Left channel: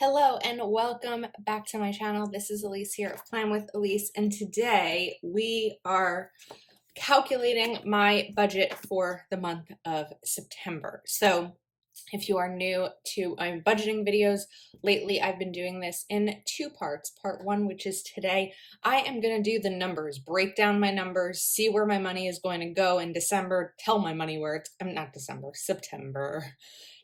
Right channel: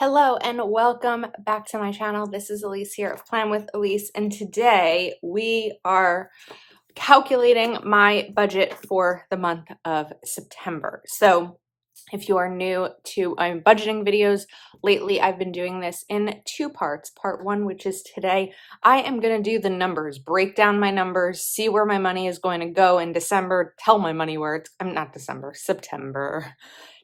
Hello and welcome back to my channel. This is Elise here of Plan with Elise, and today we are calculating my budget for the month of September. So if you are new to budgeting videos, lately I've been doing this in two parts. Part one, which is today, I am going to do the numbers, break down my numbers, see where my money is going to go in December, tell my money where it's, I'm not December, September.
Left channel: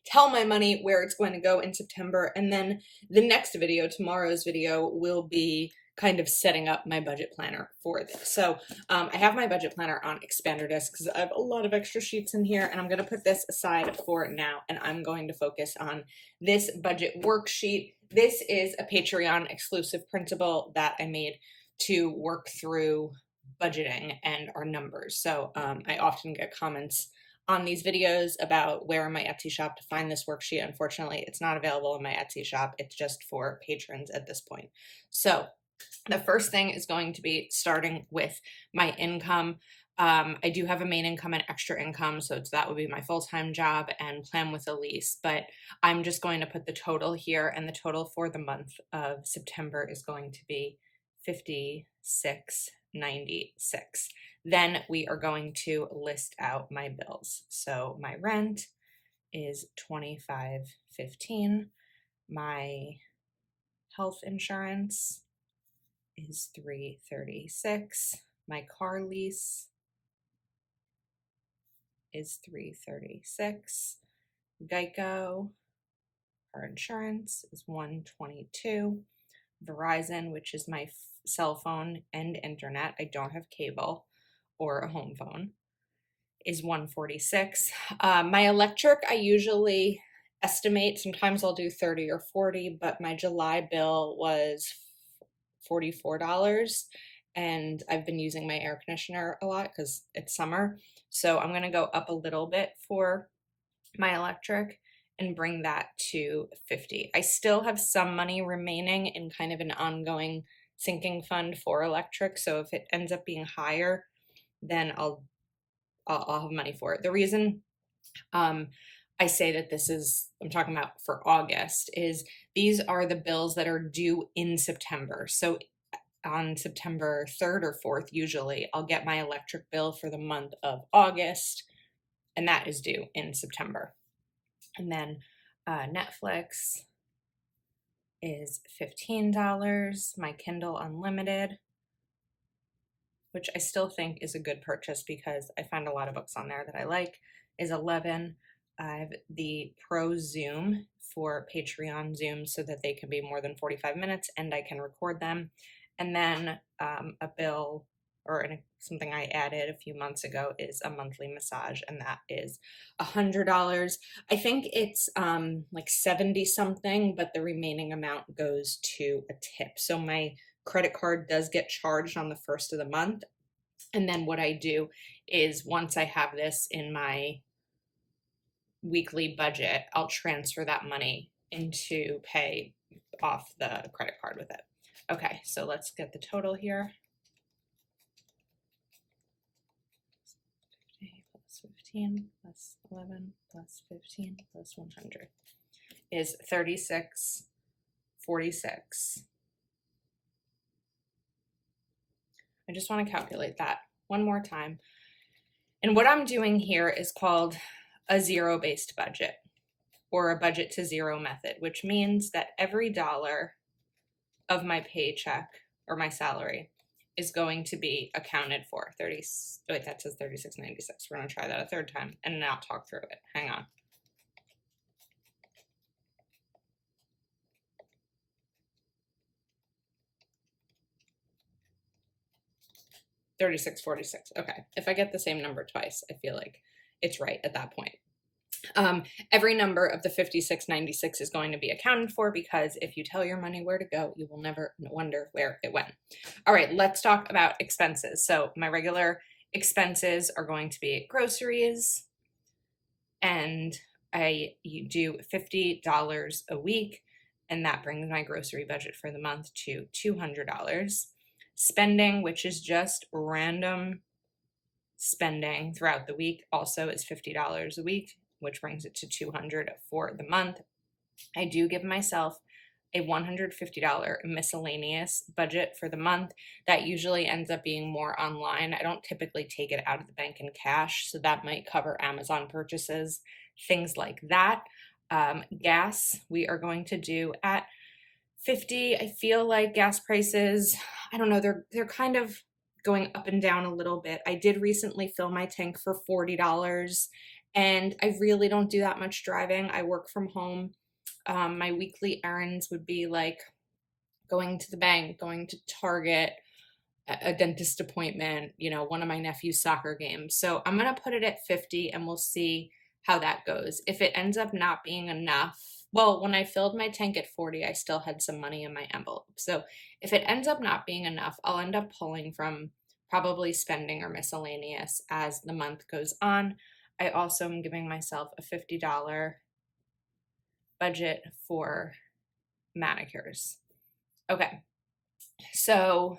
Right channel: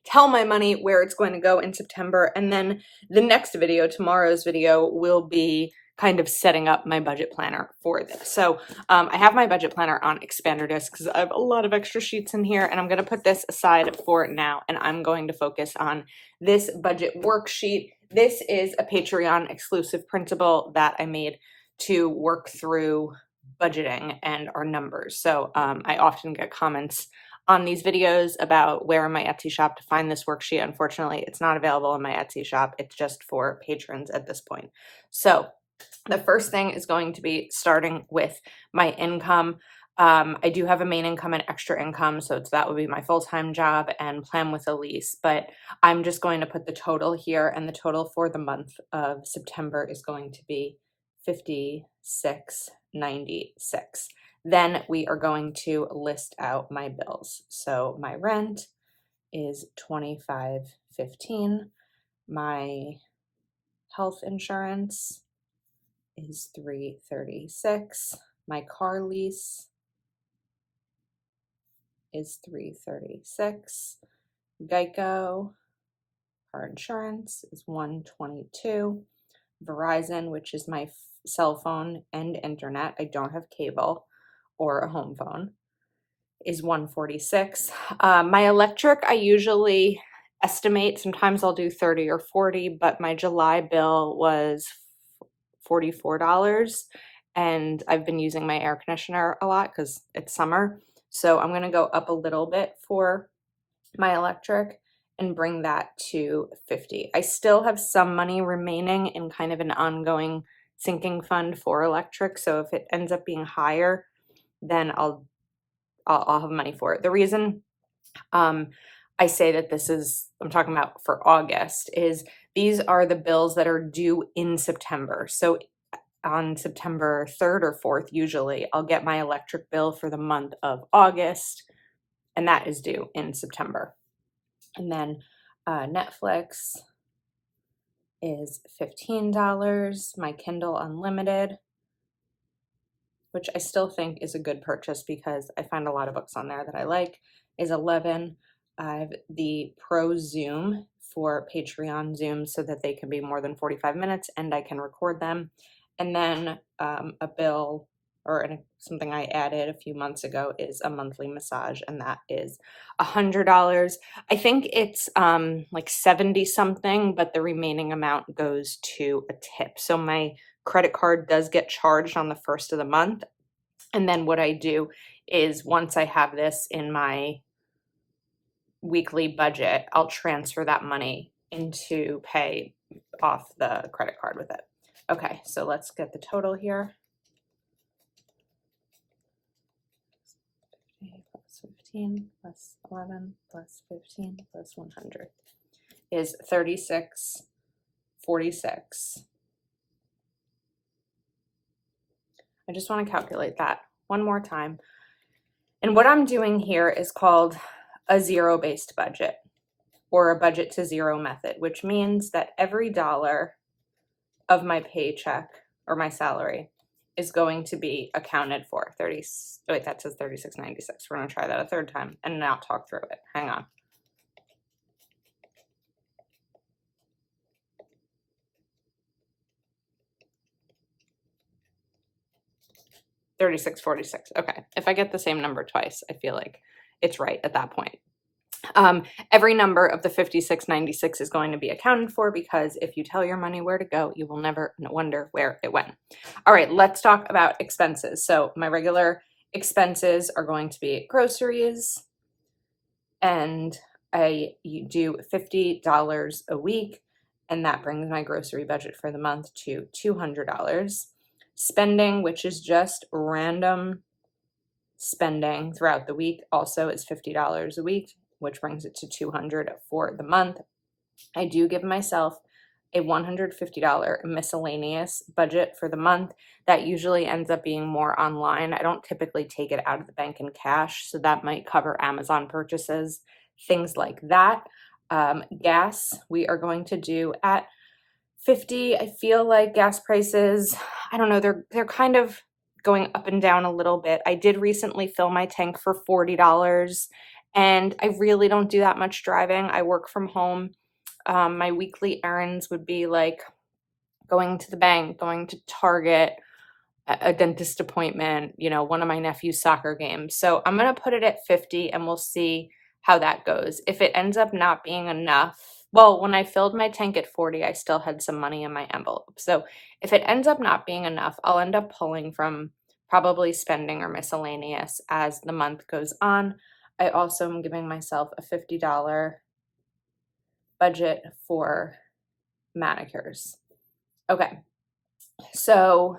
Tell my money where it's going to go in September. And then the next video, tomorrow's video, will be kind of setting up my budget planner for this. So I have my budget planner on expander disc because I have a lot of extra sheets in here, and I'm going to put this aside for now, and I'm going to focus on this budget worksheet. This is a Patreon exclusive printable that I made to work through budgeting and our numbers. So I often get comments on these videos about where in my Etsy shop to find this worksheet. Unfortunately, it's not available in my Etsy shop. It's just for patrons at this point. So the first thing is going to be starting with my income. I do have a main income and extra income, so that would be my full-time job and Plan with Elise, but I'm just going to put the total here, and the total for the month of September is going to be $56.96. Then we are going to list out my bills. So my rent is $25.15. My health insurance is $336. My car lease is $336. Geico car insurance is $122. Verizon, which is my cell phone and internet, I don't have cable or a home phone, is $146. My electric, I usually estimate, sometimes I'll do 30 or 40, but my July bill was $44, and I've been using my air conditioner a lot because it's summer. So I'm going to go up a little bit for my electric and bring that to 50. I still have some money remaining in kind of an ongoing sinking fund for electric. So if it ends up being higher, then I'll have money for it. The reason I say that I'm talking about for August, is these are the bills that are due in September. So on September 3rd or 4th, usually, I'll get my electric bill for the month of August, and that is due in September. And then Netflix is $15. My Kindle Unlimited, which I still think is a good purchase because I find a lot of books on there that I like, is $11. I have the Pro Zoom for Patreon Zooms so that they can be more than 45 minutes and I can record them. And then a bill or something I added a few months ago is a monthly massage, and that is $100. I think it's like 70 something, but the remaining amount goes to a tip. So my credit card does get charged on the first of the month. And then what I do is once I have this in my weekly budget, I'll transfer that money into pay off the credit card with it. Okay, so let's get the total here. 50 plus 15 plus 11 plus 15 plus 100 is $36.46. I just want to calculate that one more time. And what I'm doing here is called a zero-based budget, or a budget to zero method, which means that every dollar of my paycheck or my salary is going to be accounted for. That says $36.96. We're going to try that a third time and now talk through it. Hang on. $36.46. Okay. If I get the same number twice, I feel like it's right at that point. Every number of the $56.96 is going to be accounted for, because if you tell your money where to go, you will never wonder where it went. All right, let's talk about expenses. So my regular expenses are going to be groceries, and I do $50 a week, and that brings my grocery budget for the month to $200. Spending, which is just random spending throughout the week, also is $50 a week, which brings it to $200 for the month. I do give myself a $150 miscellaneous budget for the month. That usually ends up being more online. I don't typically take it out of the bank in cash, so that might cover Amazon purchases, things like that. Gas, we are going to do at 50. I feel like gas prices, I don't know, they're kind of going up and down a little bit. I did recently fill my tank for $40, and I really don't do that much driving. I work from home. My weekly errands would be like going to the bank, going to Target, a dentist appointment, you know, one of my nephew's soccer games. So I'm going to put it at 50 and we'll see how that goes. If it ends up not being enough, well, when I filled my tank at 40, I still had some money in my envelope. So if it ends up not being enough, I'll end up pulling from probably spending or miscellaneous as the month goes on. I also am giving myself a $50 budget for manicures. Okay, so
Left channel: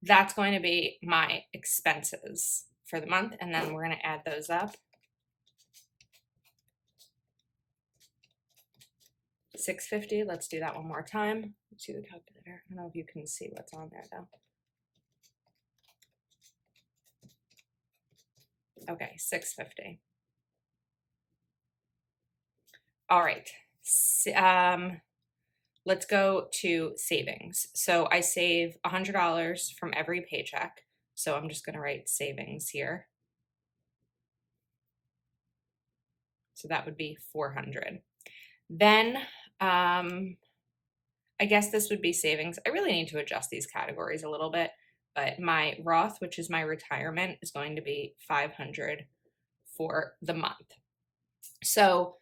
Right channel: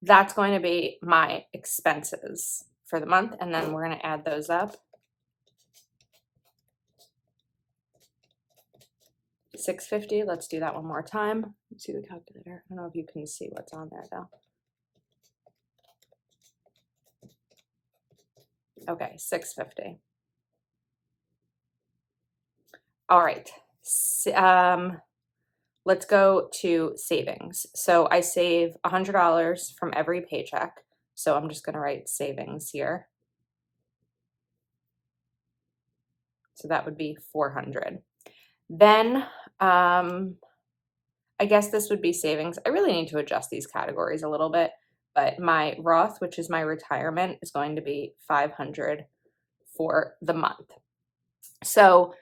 that's going to be my expenses for the month, and then we're going to add those up. $650. Let's do that one more time. Let's see the calculator. I don't know if you can see what's on there though. Okay, $650. All right. Let's go to savings. So I save $100 from every paycheck. So I'm just going to write savings here. So that would be $400. Then I guess this would be savings. I really need to adjust these categories a little bit, but my Roth, which is my retirement, is going to be $500 for the month. So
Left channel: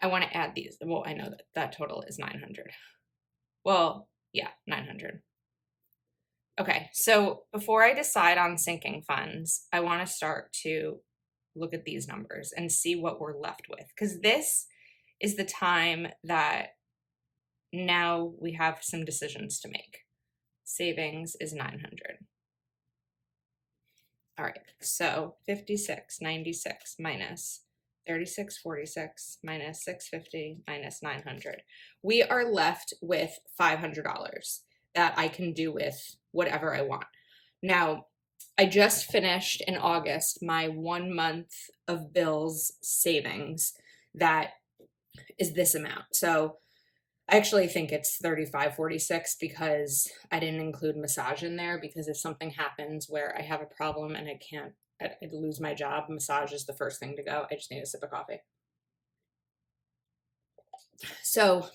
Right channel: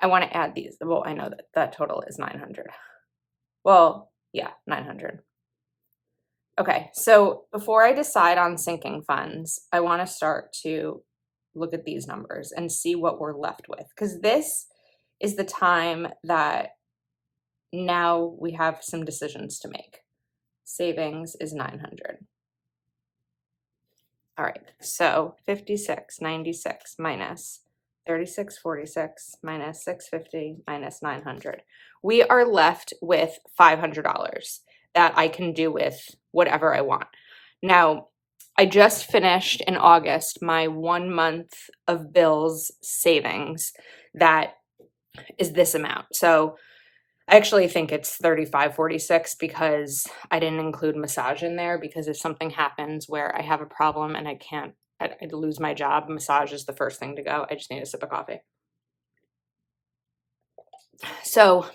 I want to add these. Well, I know that that total is $900. Well, yeah, $900. Okay, so before I decide on sinking funds, I want to start to look at these numbers and see what we're left with, because this is the time that now we have some decisions to make. Savings is $900. All right, so 5696 minus 3646 minus 650 minus 900. We are left with $500 that I can do with whatever I want. Now, I just finished in August my 1 month of bills savings that is this amount. So I actually think it's 3546 because I didn't include massage in there, because if something happens where I have a problem and I'd lose my job, massage is the first thing to go. I just need a sip of coffee. So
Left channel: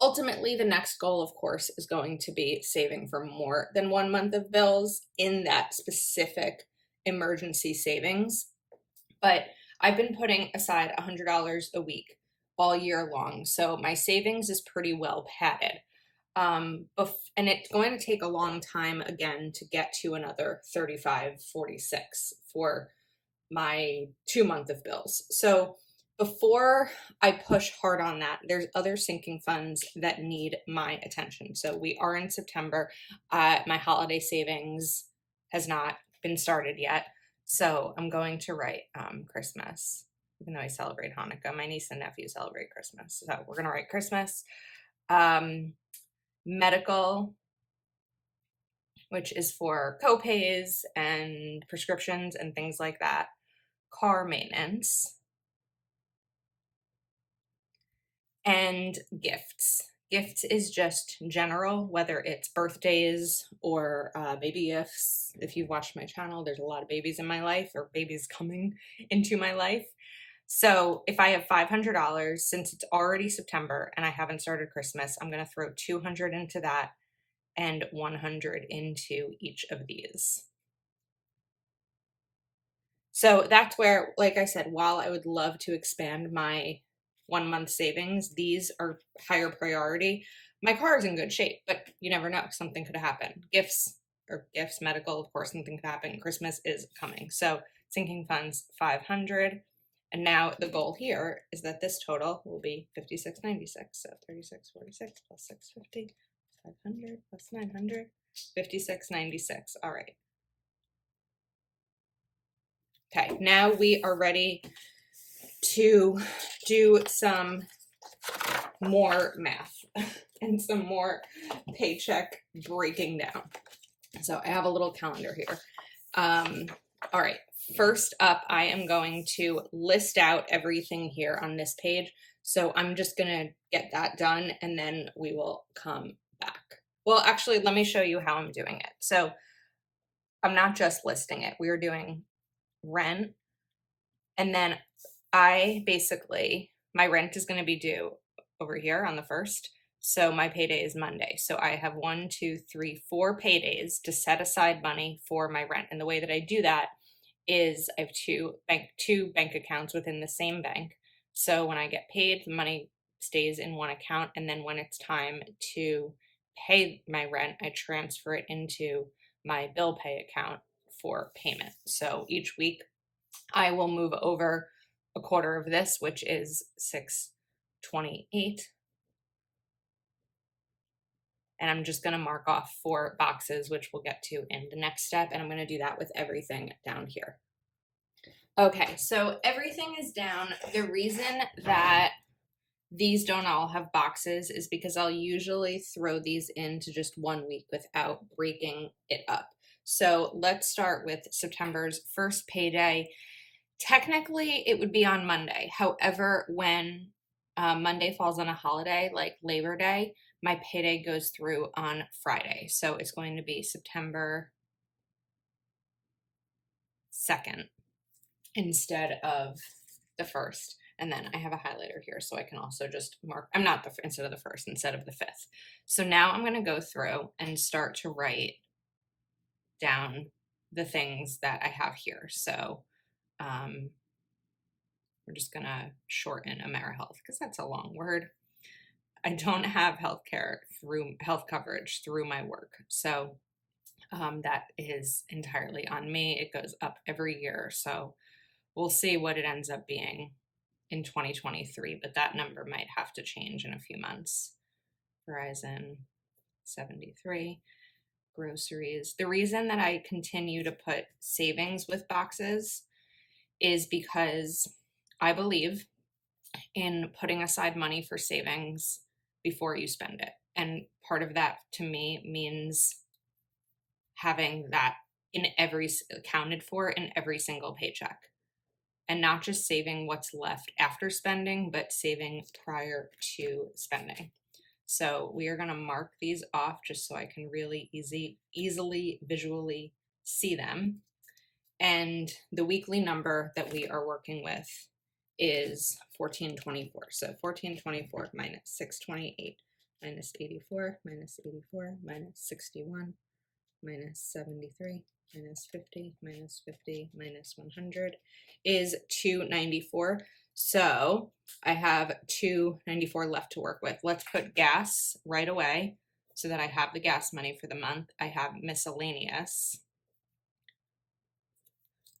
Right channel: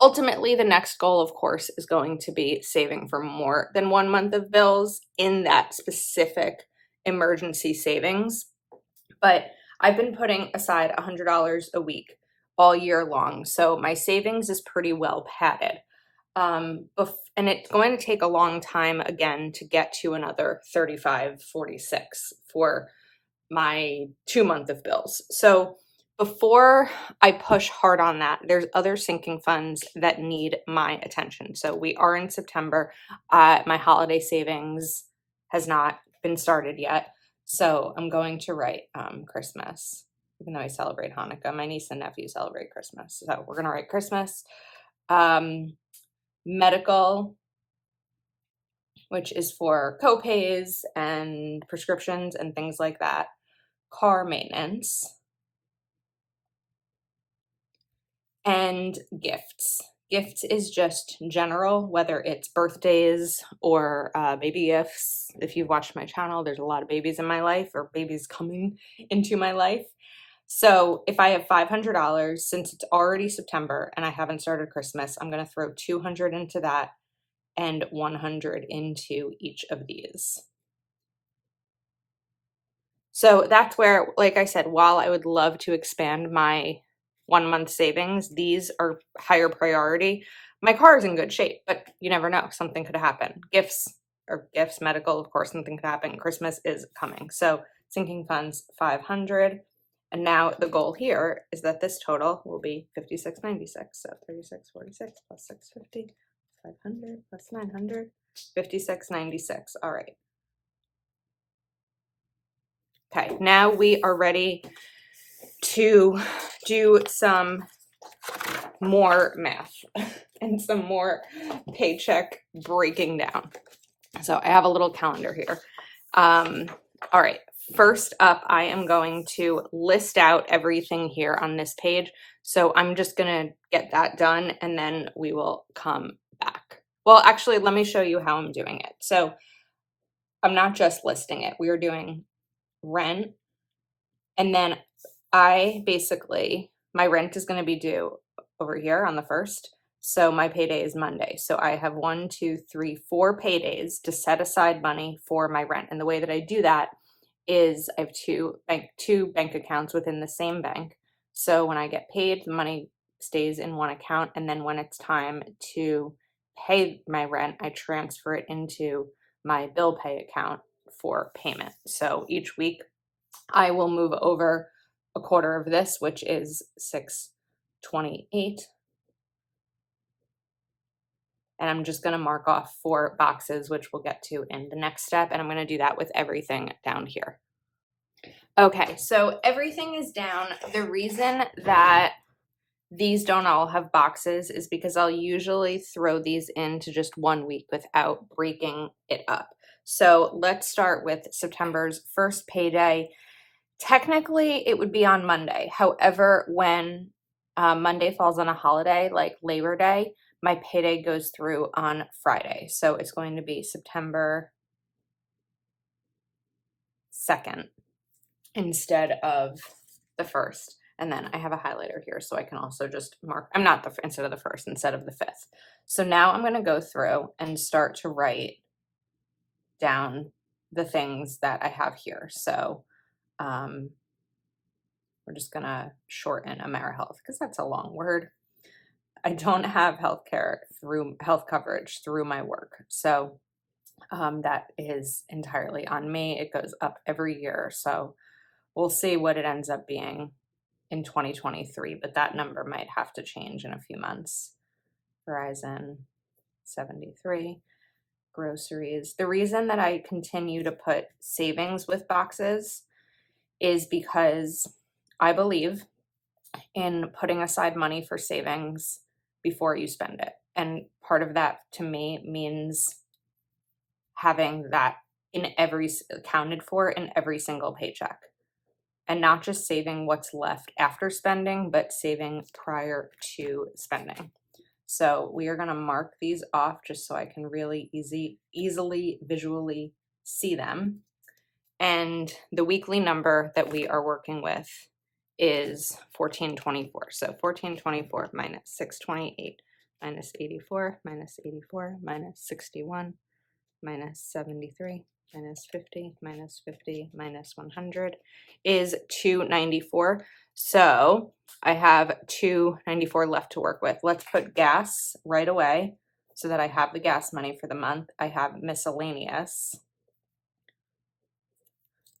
ultimately, the next goal, of course, is going to be saving for more than 1 month of bills in that specific emergency savings. But I've been putting aside $100 a week all year long. So my savings is pretty well padded. And it's going to take a long time again to get to another 3546 for my 2 month of bills. So before I push hard on that, there's other sinking funds that need my attention. So we are in September. My holiday savings has not been started yet. So I'm going to write Christmas, even though I celebrate Hanukkah. My niece and nephew celebrate Christmas. So we're going to write Christmas. Medical, which is for copays and prescriptions and things like that. Car maintenance. And gifts. Gifts is just general, whether it's birthdays or baby gifts. If you've watched my channel, there's a lot of babies in my life, or babies coming into my life. So if I have $500, since it's already September and I haven't started Christmas, I'm going to throw $200 into that and $100 into each of these. So that's where, like I said, while I would love to expand my 1 month savings, these are higher priority. My car is in good shape, but you never know. Something could happen. Gifts, medical, of course, something could happen. Christmas is coming. So sinking funds, $500. And now the goal here is that this total will be $56.96. So 3646 plus 650, 500 plus 900, $56.96. All right. Okay, now we are ready to do some more math and some more paycheck breaking down. So I have a little calendar here. All right, first up, I am going to list out everything here on this page. So I'm just gonna get that done and then we will come back. Well, actually, let me show you how I'm doing it. So I'm not just listing it. We are doing rent, and then my rent is going to be due over here on the 1st. So my payday is Monday. So I have 1, 2, 3, 4 paydays to set aside money for my rent. And the way that I do that is I have two bank accounts within the same bank. So when I get paid, the money stays in one account. And then when it's time to pay my rent, I transfer it into my bill pay account for payment. So each week I will move over a quarter of this, which is $6.28. And I'm just going to mark off 4 boxes, which we'll get to in the next step. And I'm going to do that with everything down here. Okay, so everything is down. The reason that these don't all have boxes is because I'll usually throw these into just 1 week without breaking it up. So let's start with September's first payday. Technically, it would be on Monday. However, when Monday falls on a holiday like Labor Day, my payday goes through on Friday. So it's going to be September 2nd instead of the 1st. And then I have a highlighter here, so I can also just mark, instead of the 1st, instead of the 5th. So now I'm going to go through and start to write down the things that I have here. So we're just going to shorten AmeriHealth because that's a long word. I don't have health coverage through my work. So that is entirely on me. It goes up every year. So we'll see what it ends up being in 2023, but that number might have to change in a few months. Verizon, 73. Groceries. The reason that I continue to put savings with boxes is because I believe in putting aside money for savings before you spend it. And part of that to me means having that accounted for in every single paycheck. And not just saving what's left after spending, but saving prior to spending. So we are going to mark these off just so I can really easily visually see them. And the weekly number that we are working with is 1424. So 1424 minus 628 minus 84 minus 84 minus 61 minus 73 minus 50 minus 50 minus 100 is 294. So I have 294 left to work with. Let's put gas right away so that I have the gas money for the month. I have miscellaneous.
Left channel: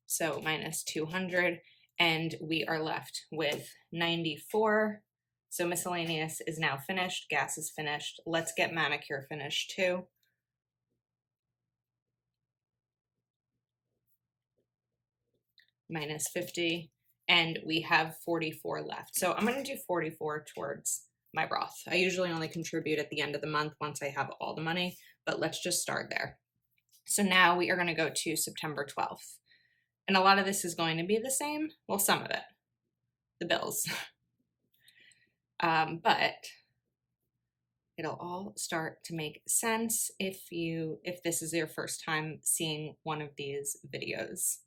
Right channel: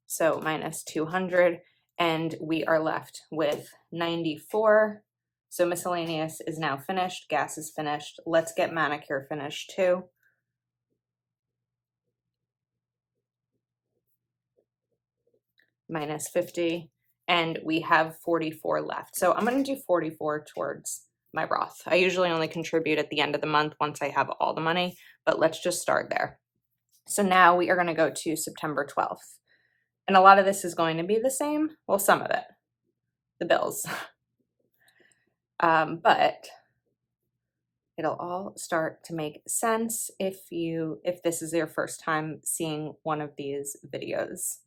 So minus 200, and we are left with 94. So miscellaneous is now finished. Gas is finished. Let's get manicure finished too. Minus 50, and we have 44 left. So I'm going to do 44 towards my Roth. I usually only contribute at the end of the month once I have all the money, but let's just start there. So now we are going to go to September 12th. And a lot of this is going to be the same. Well, some of it, the bills. But it'll all start to make sense if this is your first time seeing one of these videos.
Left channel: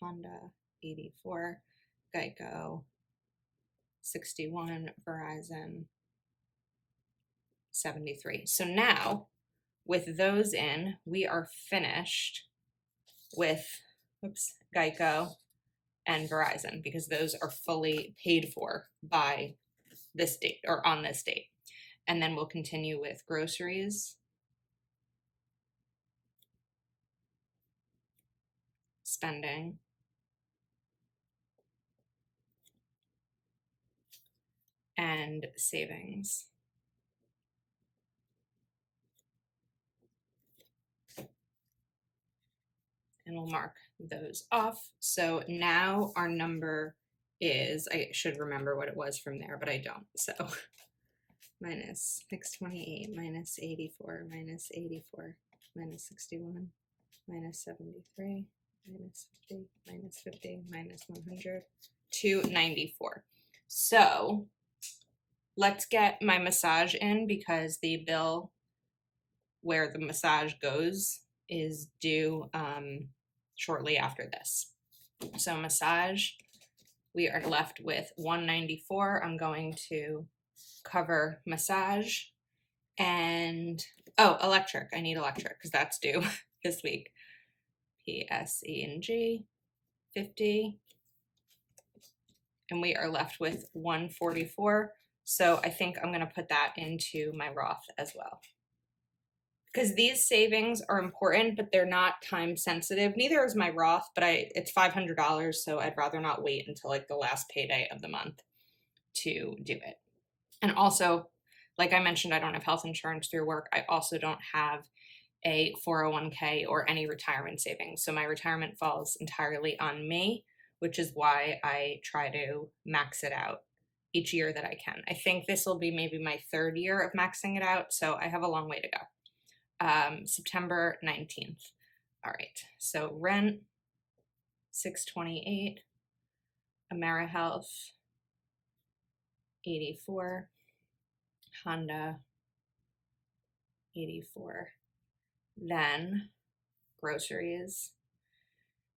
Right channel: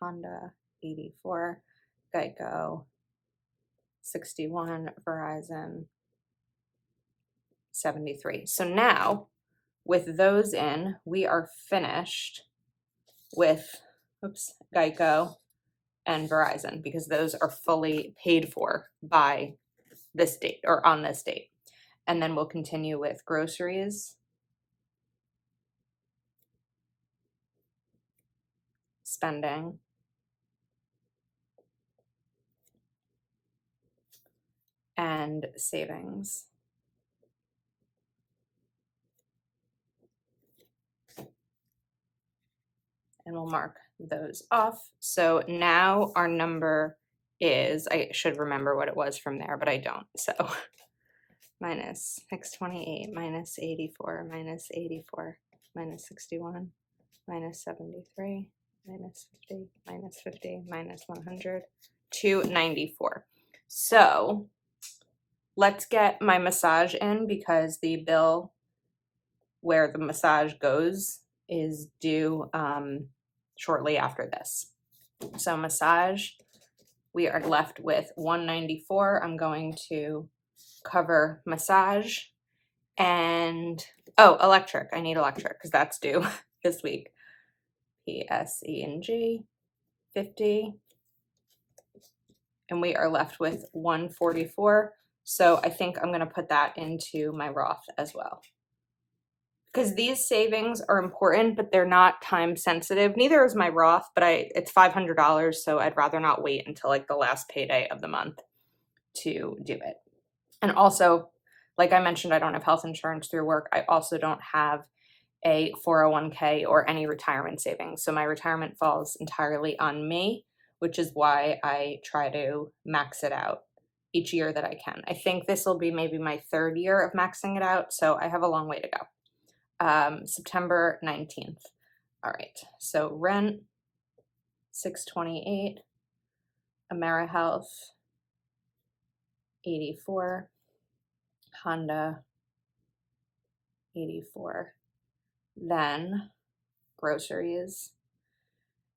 Honda, 84, Geico, 61, Verizon, 73. So now with those in, we are finished with Geico and Verizon because those are fully paid for by this date or on this date. And then we'll continue with groceries, spending, and savings. And we'll mark those off. So now our number is, I should remember what it was from there, but I don't. So minus 628 minus 84 minus 84 minus 61 minus 73 minus 50 minus 50 minus 100 294. So let's get my massage in because the bill where the massage goes is due shortly after this. So massage, we are left with 194. I'm going to cover massage and, oh, electric. I need electric because that's due this week. PSE&G, 50. And we are left with 144. So I think I'm going to put that into my Roth as well. Because these savings are important, but they're not time sensitive. Neither is my Roth, but it's $500, so I'd rather not wait until like the last payday of the month to do it. And also, like I mentioned, I don't have health insurance through work. I also don't have a 401k or any retirement savings. So my retirement falls entirely on me, which is why I try to max it out each year that I can. I think this will be maybe my 3rd year of maxing it out, so I have a long way to go. September 19th. All right, so rent, 628, AmeriHealth, 84, Honda, 84, then groceries.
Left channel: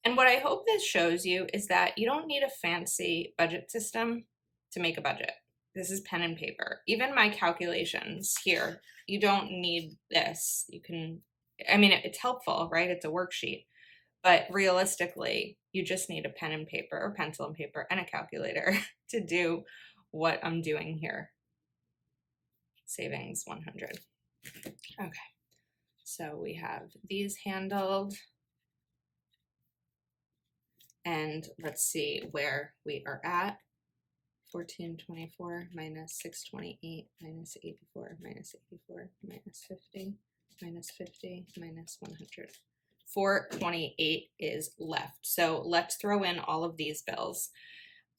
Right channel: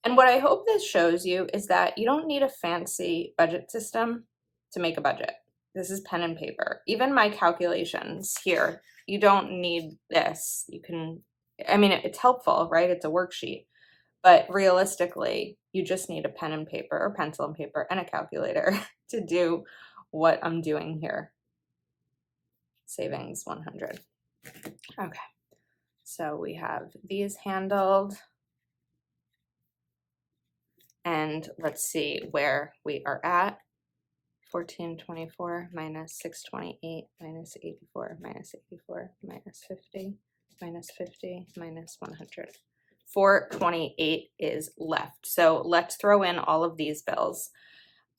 And what I hope this shows you is that you don't need a fancy budget system to make a budget. This is pen and paper. Even my calculations here, you don't need this. You can, I mean, it's helpful, right? It's a worksheet. But realistically, you just need a pen and paper or pencil and paper and a calculator to do what I'm doing here. Savings 100. Okay, so we have these handled. And let's see where we are at. 1424 minus 628 minus 84 minus 84 minus 50 minus 50 minus 100. 428 is left. So let's throw in all of these bills.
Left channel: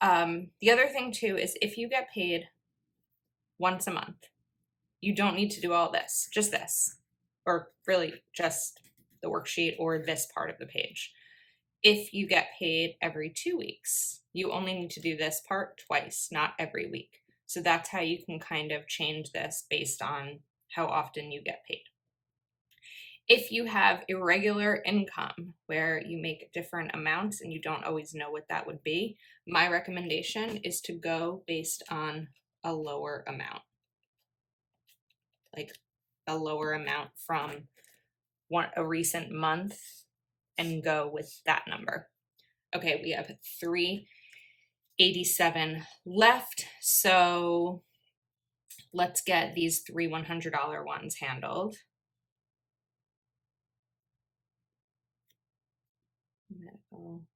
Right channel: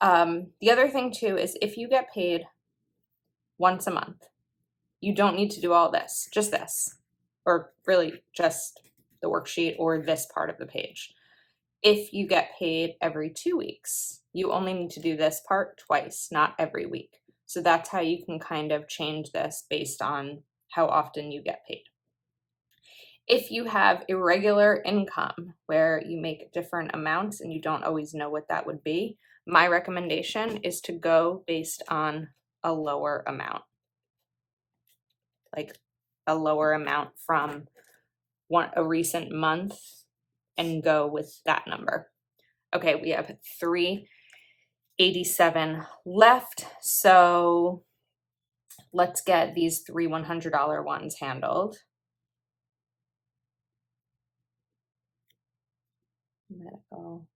The other thing too is if you get paid once a month, you don't need to do all this, just this, or really just the worksheet or this part of the page. If you get paid every 2 weeks, you only need to do this part twice, not every week. So that's how you can kind of change this based on how often you get paid. If you have irregular income where you make different amounts and you don't always know what that would be, my recommendation is to go based on a lower amount. Like a lower amount from a recent month and go with that number. Okay, we have 387 left. So let's get these 3 $100 ones handled. Medical,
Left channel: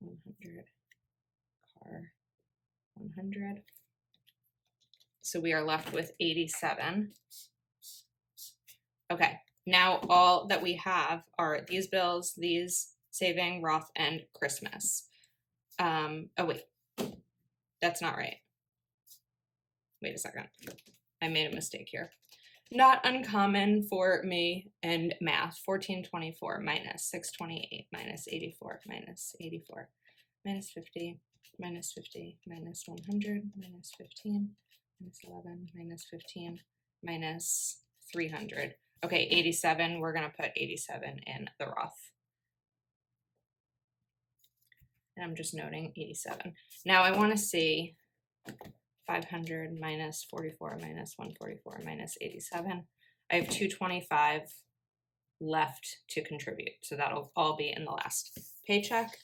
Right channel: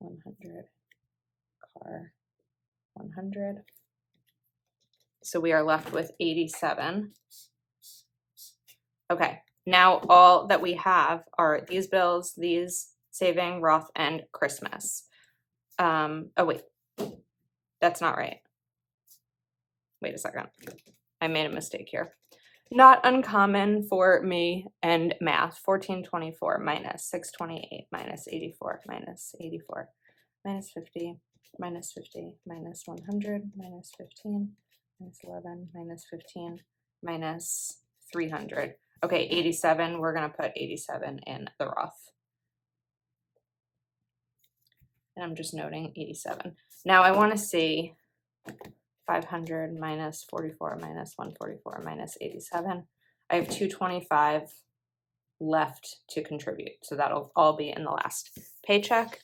100, car, 100. So we are left with 87. Okay, now all that we have are these bills, these saving, Roth, and Christmas. Oh wait, that's not right. Wait a second. I made a mistake here. Not uncommon for me and math. 1424 minus 628 minus 84 minus 84 minus 50 minus 50 minus 100 minus 15 minus 11 minus 15 minus 300. Okay, 87. We're going to put 87 in the Roth. And I'm just noting 87. Now I want to see 500 minus 44 minus 144 minus 87. I have 225 left to contribute. So that'll all be in the last paycheck.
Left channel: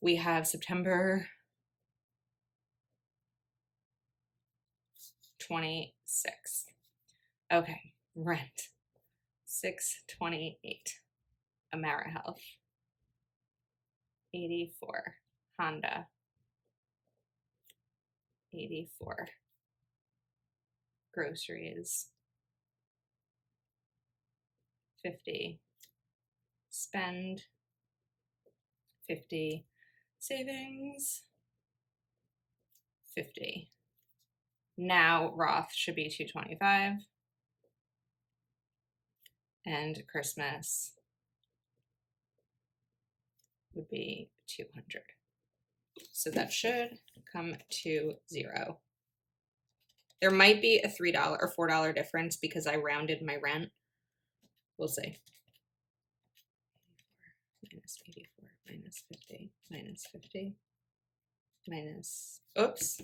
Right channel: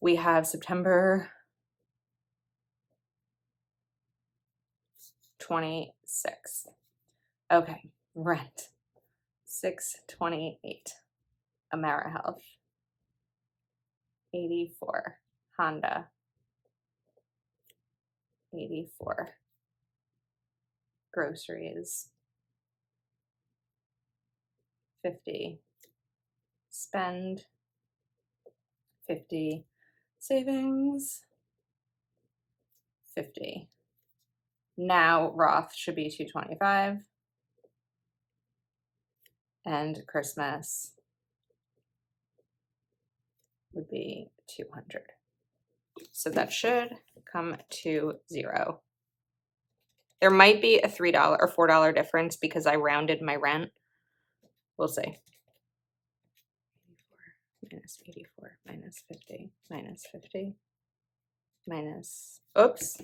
We have September 26th. Okay, rent 628. AmeriHealth 84. Honda 84. Groceries 50. Spend 50. savings, 50. Now Roth should be 225. And Christmas would be 200. So that should come to 0. There might be a $3 or $4 difference because I rounded my rent. We'll see. Minus 84, minus 50, minus 50, minus, oops,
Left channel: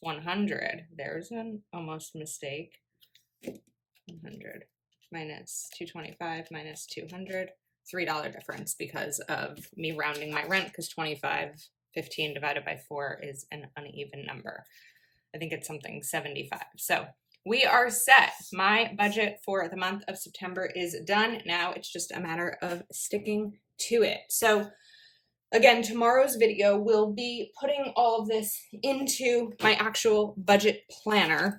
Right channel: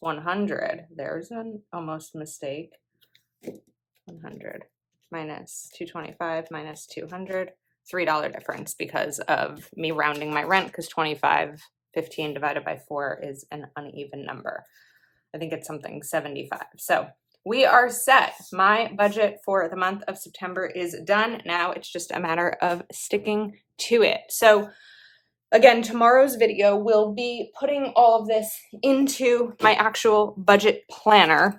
100. There's an almost mistake. 100 minus 225 minus 200. $3 difference because of me rounding my rent, because 15 divided by 4 is an uneven number. I think it's something 75. So we are set. My budget for the month of September is done. Now it's just a matter of sticking to it. So again, tomorrow's video will be putting all of this into my actual budget planner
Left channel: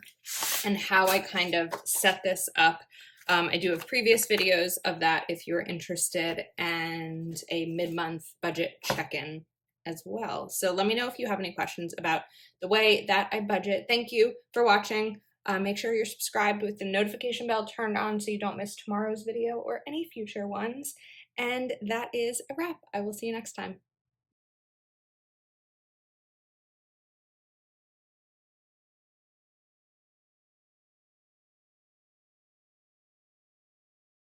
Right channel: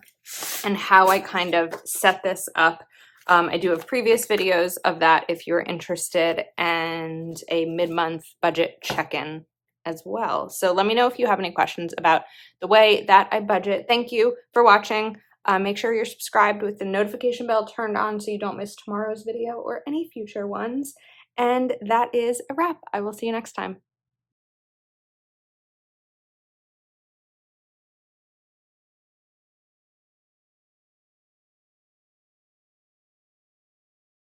and how I kind of set this up. I do have previous videos of that if you're interested, and a mid-month budget check-in as well. So let me know if you have any questions about the way that I budget. Thank you for watching. Make sure you're subscribed with the notification bell turned on so you don't miss tomorrow's video or any future ones. And that is a wrap. I will see you next time.